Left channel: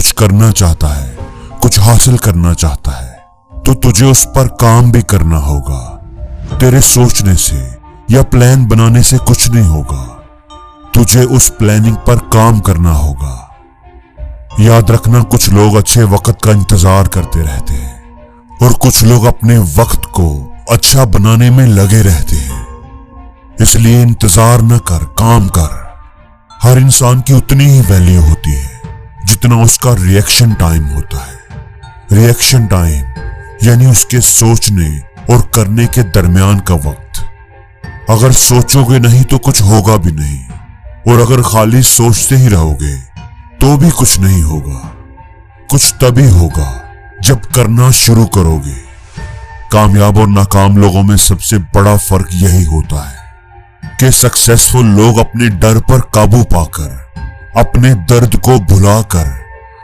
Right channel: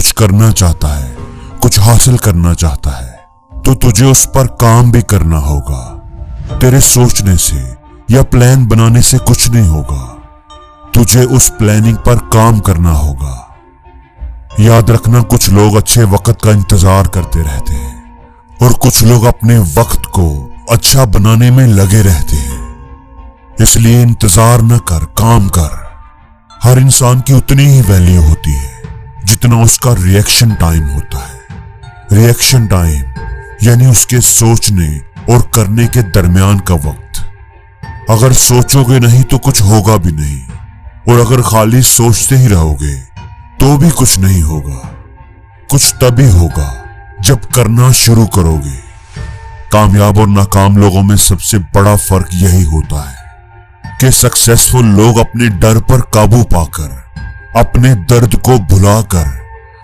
कुछ करना चाहता है, कुछ हासिल करना चाहता है, तो तुझे उस पर काम भी करना होगा। तेरे सोचने से या प्लान बनाने से कुछ नहीं होगा, तुझे उस प्लानिंग पर काम करना होगा। याद रखना, कुछ लोग अच्छे वक्त का इंतजार करते रहते हैं और कुछ लोग अपने वक्त को अच्छा बनाने में लगे रहते हैं। इसलिए इंतजार न कर, काम कर। हर इंसान की उतनी ही वैल्यू होती है जितना उसका रिएक्शन टाइम होता है। रिएक्शन टाइम यानी उसके सोचने और करने के दरमियान का वक्त। अगर सोचोगे नहीं तो कुछ होगा भी नहीं, और अगर खाली सोचते ही रहोगे तो भी कुछ नहीं होगा। कुछ तभी होगा जब करना शुरू करोगे। कामयाब और नाकाम लोगों में सबसे बड़ा फर्क यही होता है कि सक्सेसफुल लोग अपने डर पर काबू पाकर, अपने दर्द को भुलाकर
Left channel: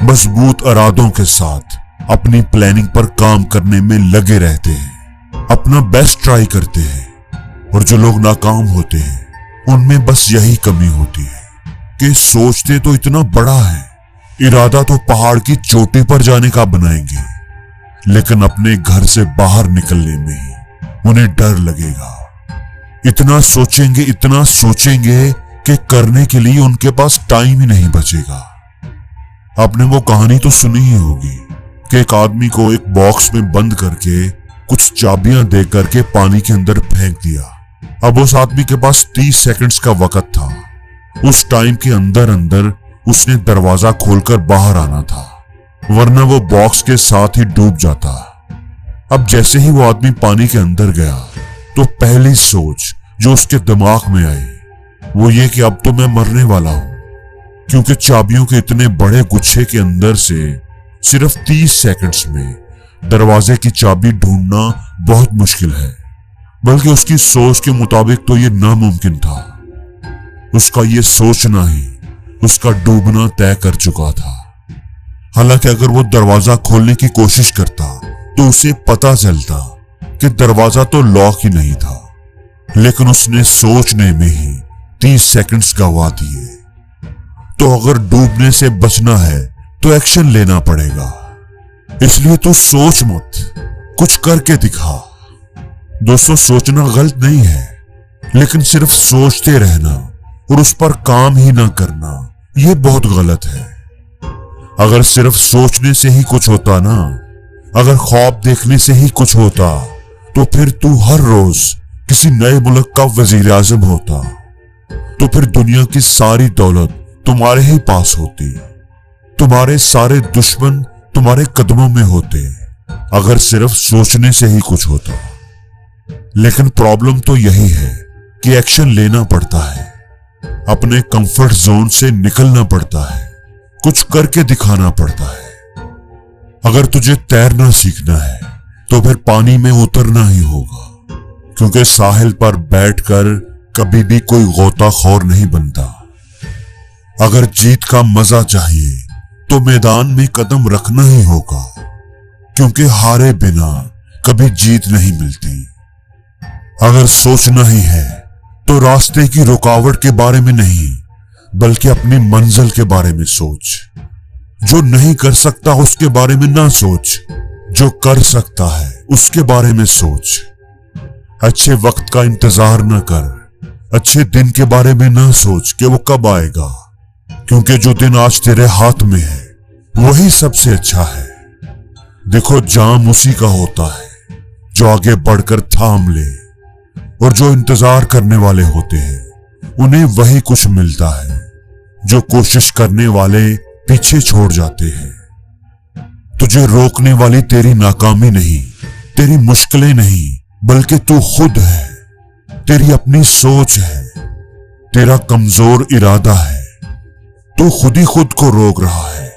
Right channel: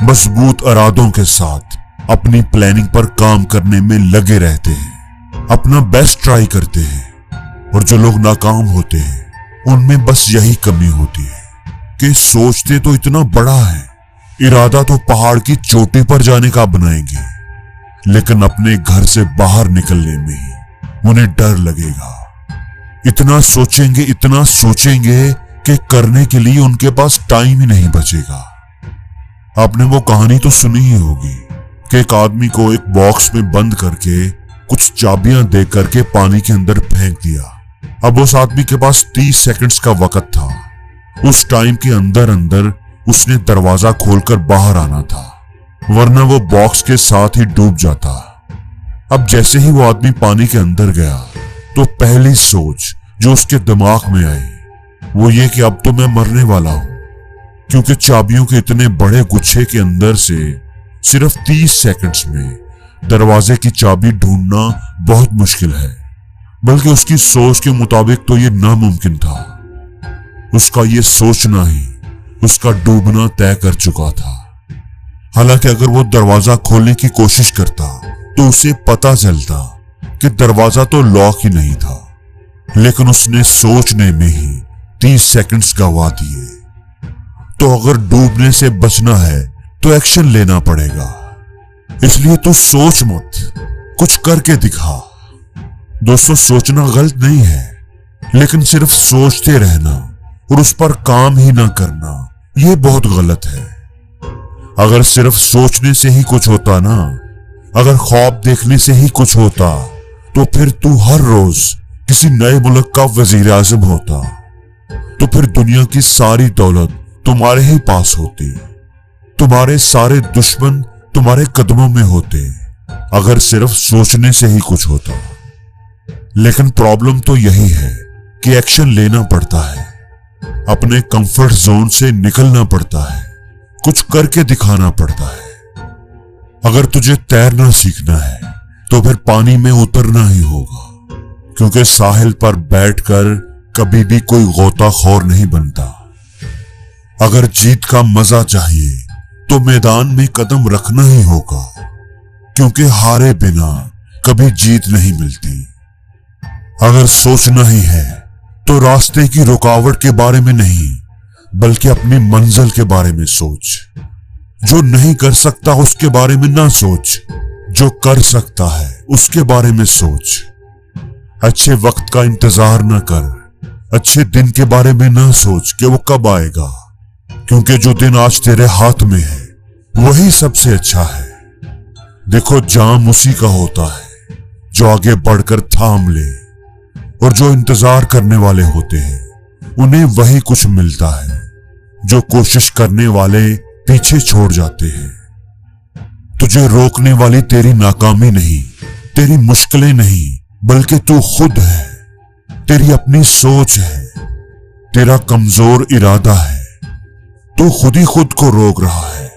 मजबूत इरादों के साथ अपनी प्लानिंग पर काम करने में लगे रहते हैं, अपना बेस्ट ट्राई करते हैं। और जो लोग नाकाम होते हैं उनमें बस यही कमी होती है कि सोचते तो इतना बड़ा है, इरादा तो पहाड़ की चोटी पर जाने का बनाएंगे, लेकिन अपने घर से बाहर निकलने में ही उन्हें डर लगेगा। इतना सोचेंगे कि करने के लिए उनके पास टाइम ही नहीं बचेगा। आपने वो कहानी तो सुनी ही होगी कि एक आदमी को एक बॉक्स में बंद करके कुछ चाबियां दे करके पानी के अंदर फेंक दिया। अब उस आदमी के पास 30 सेकंड्स का वक्त था। उस टाइम के अंदर उसने दरवाजा खोलकर बाहर आना था, वरना वो बॉक्स के साथ ही डूब जाता। अब जैसे ही वो आदमी पानी के अंदर गया तो पहली सोच जो उसके दिमाग में आई वो ये कि अब तो मैं मरने वाला हूं, क्योंकि चाबियों के इतने बड़े गुच्छे के अंदर से सिर्फ 30 सेकंड्स में दरवाजे की चाबी ढूंढना बहुत मुश्किल है। बल्कि उसकी सोच के मुताबिक तो ये नामुमकिन था। उसका ये सोचना ही उसका डूबना तय कर चुका था। हालांकि अगर वो दरवाजा खोलने की कोशिश करता तो उसे पता चलता कि दरवाजा तो लॉक ही नहीं था, लेकिन उसने सोचने में ही 30 सेकंड्स गवा दिए। तो अगर डूबने से बचना है तो एक्शन लेना पड़ेगा। इसलिए तो सोच मत, कुछ करके दिखा। दोस्तों, सोचना गलत नहीं है, लेकिन सिर्फ सोचते रहना और उस पर काम ही ना करना ये बहुत गलत है। अगर सिर्फ सोचने से ही कुछ होता ना, अगर ख्वाब देखने से ही कुछ होता, तो फिर तू हर रोज किसी नए मुल्क का वजीर आजम होता। तो फिर दुनिया की सारी दौलत तुम्हारे ही पास होती, तुम्हारे सारे दुश्मन तुम्हारे कदमों में होते, अगर सिर्फ सोचने से ही कुछ होता। लेकिन प्रॉब्लम तो यही है कि एक्शन लेना पड़ता है, अपने कंफर्ट जोन से निकलना पड़ता है, कुछ करके दिखाना पड़ता है। अगर तुझे तैरना सीखना है तो फिर पानी में उतरना ही होगा, क्योंकि साहिल पर बैठकर कभी भी कोई गोताखोर नहीं बनता। अगर जीत का मजा चाहिए तो मैदान में कदम रखना ही होगा, क्योंकि हारे बिना कभी जीत नहीं मिलती। अगर सोचना ही है तो रास्ते की रुकावट के बारे में नहीं, बल्कि अपनी मंजिल के बारे में सोच। जो नहीं कर सकता उसके बारे में ना सोच, जो कर सकता है उसके बारे में सोच। अच्छे वक्त का इंतजार न कर, अच्छे दिन के बारे में ना सोच कि वो कब आएगा, क्योंकि जो दिन आज तेरे हाथ में है वही सबसे अच्छा है। देखो, जाम उसी का होता है जो आगे बढ़कर थाम ले, और जो इंतजार करने वाले होते हैं उन्हें वही कुछ मिलता है जो कोशिश करने वाले पीछे छोड़ जाते हैं। तुझे रोकने वाली तेरी नाकामी नहीं, तेरी मुश्किलें नहीं, बल्कि तू खुद है। तेरी अपनी सोच है, तेरा कमजोर इरादा है। तू खुद ही खुद को रोक रहा है,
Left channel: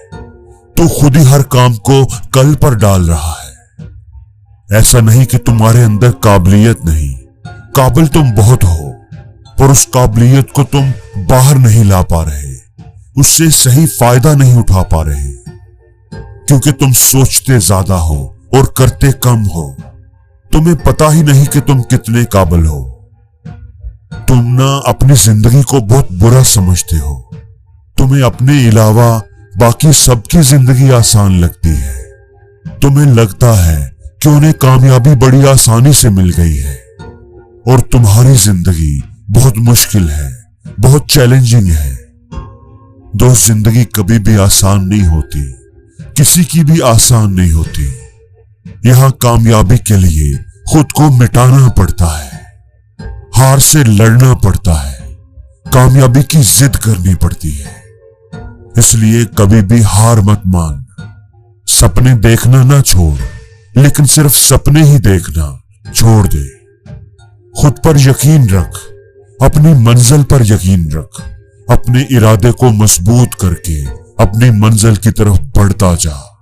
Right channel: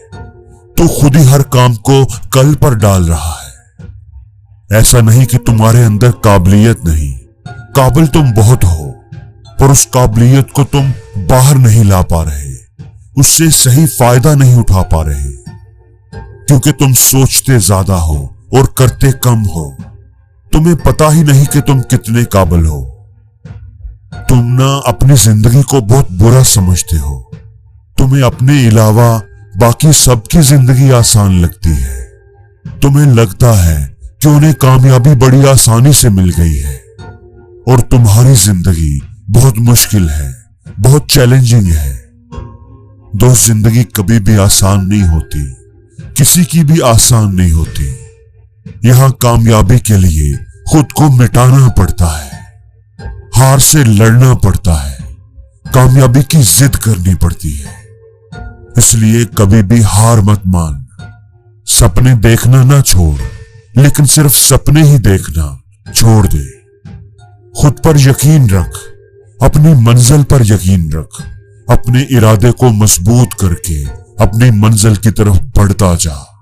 तू खुद ही हर काम को कल पर डाल रहा है। ऐसा नहीं कि तुम्हारे अंदर काबिलियत नहीं, काबिल तुम बहुत हो, पर उस काबिलियत को तुम बाहर नहीं ला पा रहे, उससे सही फायदा नहीं उठा पा रहे, क्योंकि तुम सोचते ज्यादा हो और करते कम हो। तुम्हें पता ही नहीं कि तुम कितने काबिल हो। तुम ना अपनी जिंदगी को बहुत बुरा समझते हो। तुम्हें अपने अलावा बाकी सबकी जिंदगी आसान लगती है। तुम्हें लगता है कि उन्हें कामयाबी बड़ी आसानी से मिल गई है और तुम्हारी जिंदगी बहुत मुश्किल है, बहुत चैलेंजिंग है। दोस्त, जिंदगी कभी भी आसान नहीं होती, किसी की भी आसान नहीं होती। यहाँ कामयाबी के लिए खुद को मिटाना पड़ता है, हार से लड़ना पड़ता है, कामयाबी की जिद करनी पड़ती है। इसलिए कभी भी हार मत मान। सपने देखना ना छोड़, लेकिन सिर्फ सपने ही देखना छोड़ दे। खुद पर यकीन रख, अपनी मंजिल पर यकीन रख, अपने इरादे को मजबूत करके अपनी मंजिल की तरफ बढ़ता जा।